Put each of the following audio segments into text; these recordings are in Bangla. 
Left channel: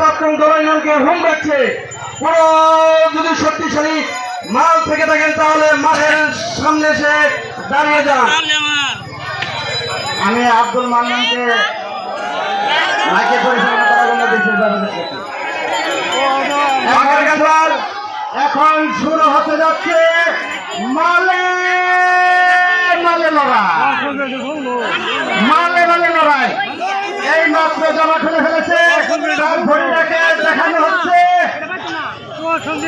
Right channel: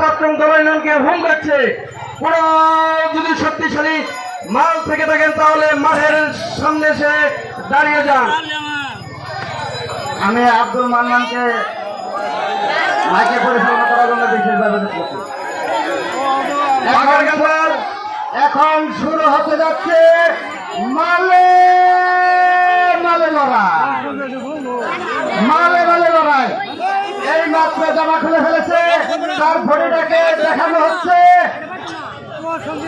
প্রথম দলাইনকে হুম রাখছে পুরো যদি শক্তিশালী মাল থেকে থাকেন তাহলে মাঠের সামনে এসে দাঁড়িয়ে যান। আমি আব্দুল মান্নানকে মাইকে পরিচালনা করার জন্য দেখেছি। এখন শুরু হতে যাচ্ছে মালে মালে লড়াই। মালে মালে লড়াই। এই মাত্র জামা খুলে ফেলেছে। তার ভরিটাকে দেখানো হচ্ছে।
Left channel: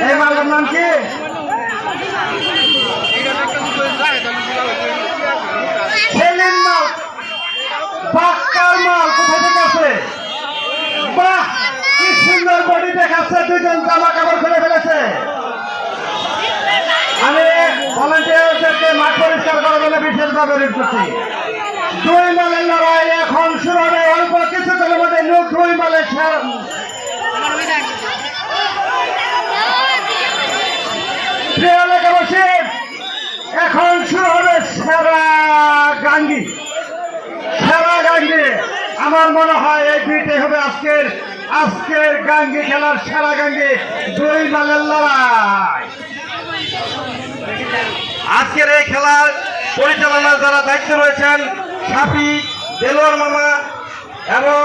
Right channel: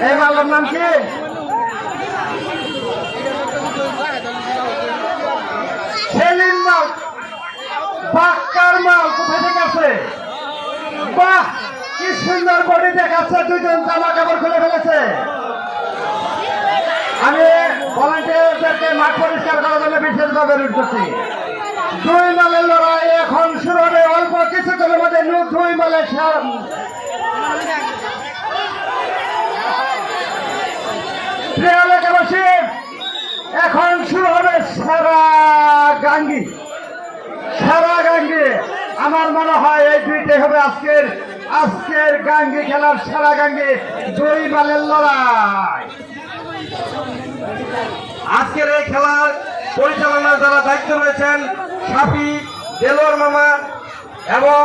এই মালের নাম কি? মাল। বাক্কার মাল? কোথায় থেকে বাহ, কি সুন্দর বডি দেখাচ্ছে। দুজন জামা কাপড় খুলে ফেলেছে। আমি ভলান্টিয়ারদেরকে মাঠ পরিষ্কার করার জন্য বিশেষভাবে দুই মালের লড়াই এখন শুরু হবে অল্প কিছুক্ষণের মধ্যে নু দুই মালের সার- প্রিয় এখন শুরু হবে সেরা গাঙ্গি। সেরা গাঙ্গি। আমার মনে হয় এই দুইটাই হবে আজকের আজকের গাঙ্গি খেলার সেরা গাঙ্গি দুই মালের লড়াই। আজকের এই খেলার পরিচালনার যারা দায়িত্ব রয়েছেন, সাফি দেলোয়ার মামা এবং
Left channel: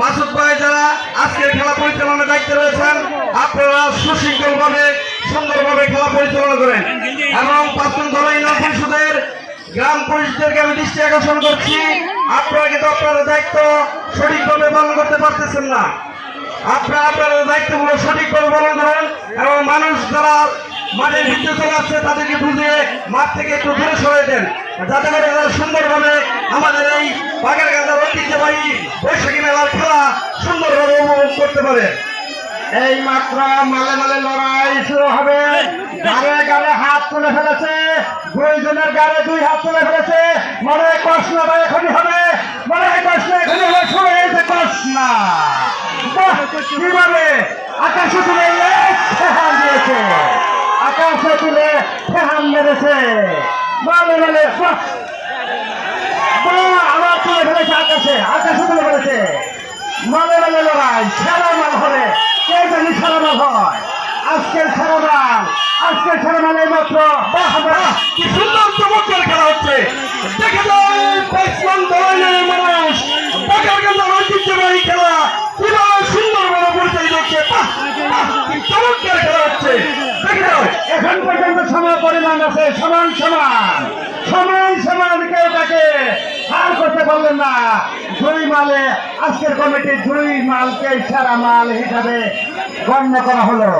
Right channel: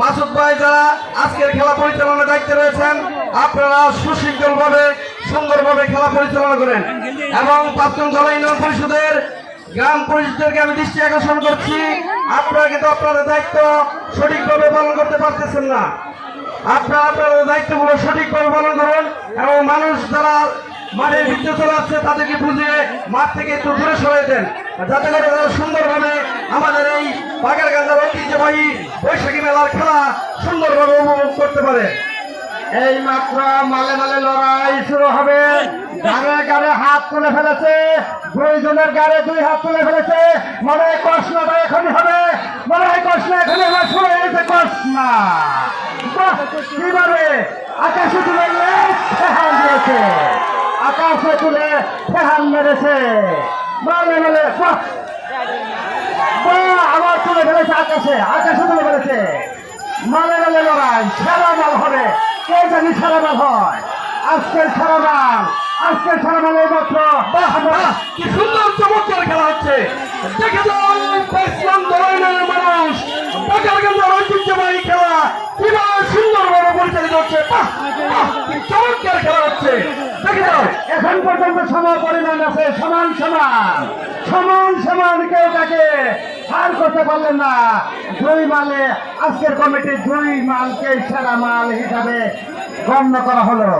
মাসুদ ভাই যারা আজকের খেলা পরিচালনার দায়িত্বে রয়েছেন, আপনারা সুশৃঙ্খলভাবে, সুন্দরভাবে খেলা পরিচালনা করেন। এবং প্রাক্তন জেলা ইউনিয়ন পরিষদের গ্রাম পরিষদকে আমি দৃষ্টি আকর্ষণ করছি। আপনারা কিন্তু আপনাদের দায়িত্ব সঠিকভাবে পালন করতে পারতেছেন না। আপনারা আপনাদের দায়িত্বগুলো সঠিকভাবে পালন করুন এবং মানুষ যারা মাঠের ভিতরে চলে আসছে, তাদেরকে বুঝিয়ে মাঠ থেকে একটু দূরে সরে দেন। যাতে করে তারা সুন্দরভাবে আমাদের এই বাগের গাঁজার ঐতিহ্যবাহী বৈশাখী মেলার খেলা সুন্দরভাবে উপভোগ করতে পারে। এই মাত্র মালে মালে লড়াই শুরু হবে। গাড়ে গাড়ে হাত তুলে ফেলেছে। দুইজনের গাড়ে দুই হাত তুলে ফেলেছে। মনে হয় কষ্ণটা এখনই হবে। মনে হয় কষ্ণ এখনই হবে। শুরু হয়েছে কষ্ণ। কীভাবে? আকাশে তুলে ফেহান দিয়েছে। আকাশে তুলে ফেহান মেরেছে। মালে মালে বাহ বাহ, আবার তুলে ফেলেছে আকাশে আকাশে তুলে ফেলেছে মালে মালে লড়াই, সেরা মাল হবে। কে জানি সেরা মাল হয়? আজকের সেরা মাল, আজকের সেরা মাল মাত্র কি সুন্দর চমৎকার খেলা হচ্ছে। দেখে যান পাঁচজন দলের মানুষ। বাগের গাঁজার ঐতিহ্যবাহী খেলা। কীভাবে সুন্দরভাবে পরিচালিত হচ্ছে। চমৎকার খেলা হচ্ছে। এখন পর্যন্ত সমান পরিমাণ আছে, সমান সমান সমান সমান কেউ তাকে আর করতে পারলেন না। দুই মালে, আজকের কমিটি দুই মালকে সারা মাল হিসাবে গণ্য করা হলো।